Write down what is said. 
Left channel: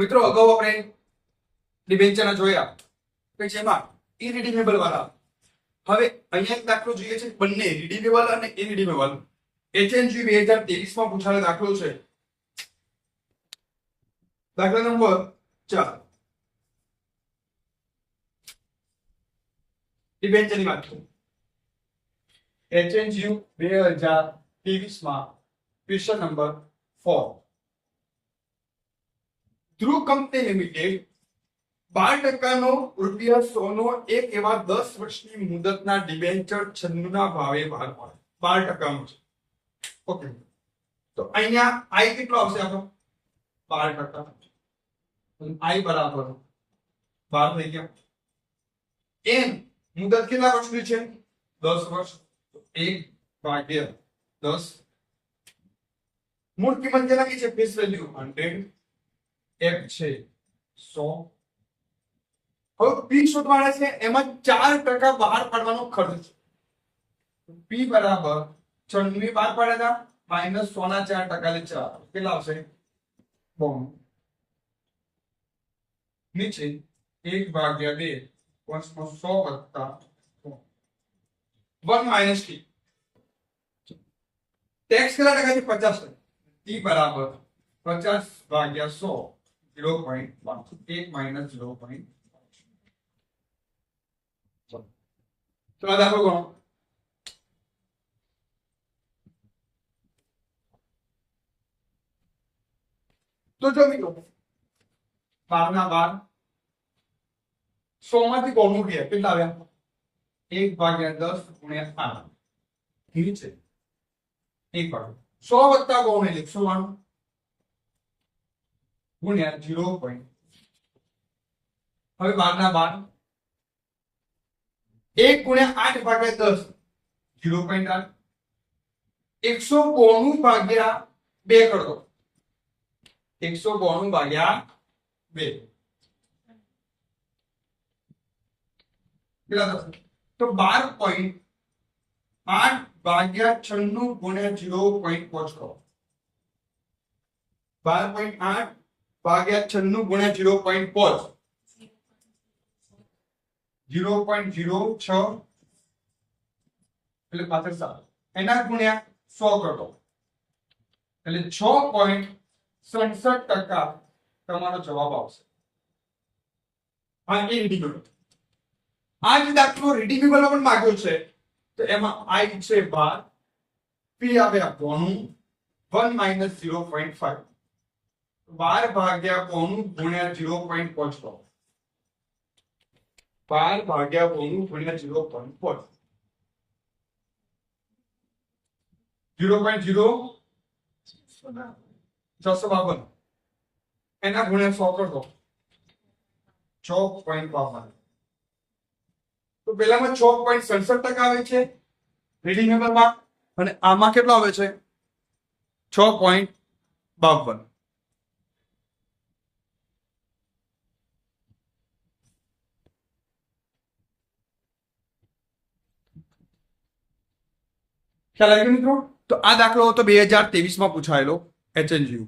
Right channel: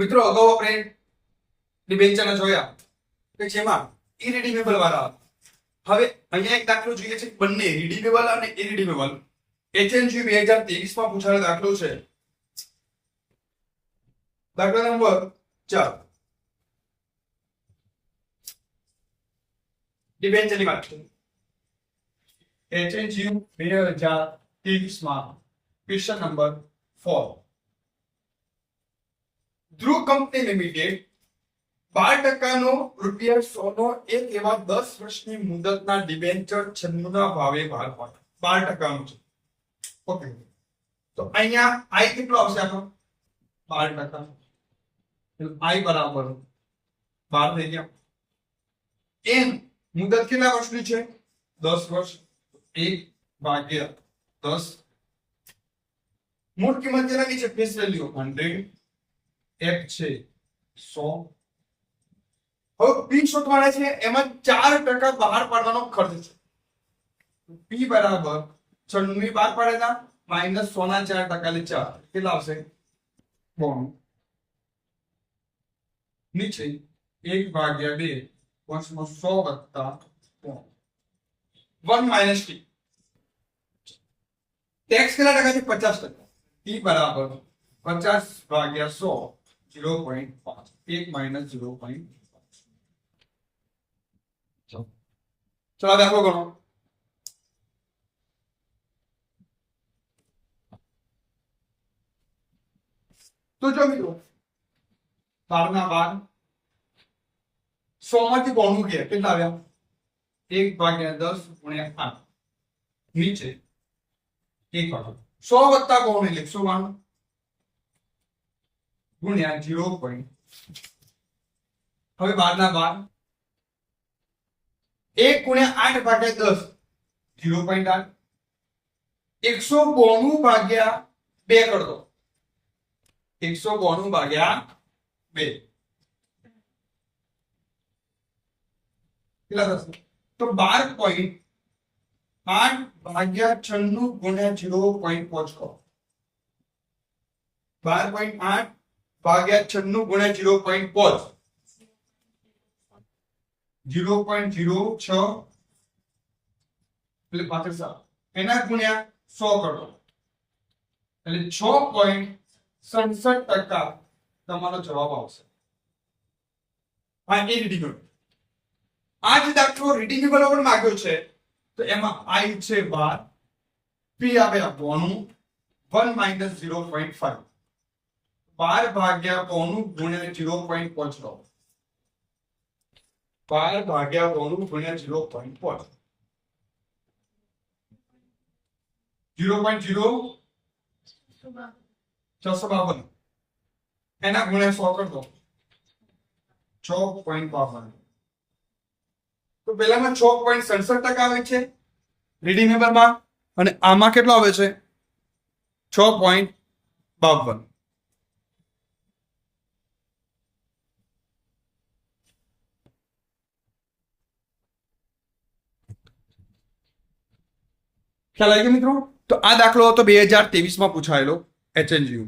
મિત્રો અગાઉ આપણે ડિબેન્ચરના જોયા કે જેમાં ઇરિડીમેબલ વાળા હવે અહીંયા એક દાખલો જોઈએ છે બંને રિડીમેબલ અને ઇરિડીમેબલ HNG 2023 માં પૂછાયેલો દાખલો છે દાખલા નંબર 4 ડિબેન્ચરની વાત છે HNG 2023 માં ક્વેશ્ચન નંબર 4 ધ્રુવ કંપની લિમિટેડ 12% નો ₹100 નો એક એવા 10 વર્ષની મુદતના ડિબેન્ચર 96 ના ભાવે બહાર પાડે 12% નો છે ઓકે તો અહીંયા I કેટલો આવશે આપણો 12% I બરાબર 12 થઈ ગયો n મુદત કેટલા વર્ષની છે 10 વર્ષ 1/10 મૂળ કિંમત કેટલાની છે ફેસ વેલ્યુ 100 f છે 100 હવે p શોધવાના છે એમાં 4% બહાર પાડવાનો ખર્ચ છે p બરાબર 96 બહાર પાડ્યા હતા -100 ના 4% લે 4 કેટલા આવશે 92 નીચે 1/2 100 વત્તા 1 માઈનસ t ટેક્સ કેટલા ટકા છે 50% t બરાબર 50/100 0.5 1 માઈનસ 0.5 ચલો દાખલો ગણો તો જો મિત્રો 12 ના 12 100 માંથી 92 ગયા કેટલા આવ્યા 1/10 ગુણ્યા 8 નીચે 1/100 વત્તા 92 એટલે 192 ગુણ્યા 0. હવે 12 ના 12 1 ગુણ્યા 8/10 0.8 192 ભાગ્યા 2 કર દો 192 ભાગ્યા 2 કેટલા થશે તો 12.8 ભાગ્યા 96 ગુણ્યા 0.5 કરો 12.8 ભાગ્યા 96 ગુણ્યા 0.5 0.06 એટલે 7 એના ગુણ્યા 100 કરો એટલે 6.67% તમારો જવાબ આવશે આ ઇરિડીમેબલ આ જે દાખલો રિડીમેબલ પણ માંગ્યો છે તો એમાં I છે 12 p આવે 92 1 માઈનસ 0.5 12 ભાગ્યા 92 ગુણ્યા 0.5 કરો 12 ભાગ્યા 92 ગુણ્યા 0.5 0.0652 એના ગુણ્યા 100 કર દો 6.52 તો પેલામાં 6.67% આવે છે રિડીમેબલમાં અને આમાં કેટલો આવે છે 6.52 ખ્યાલ આવી ગયો મિત્રો તો આ દાખલો હતો 2023 માં પૂછાયેલો HNGU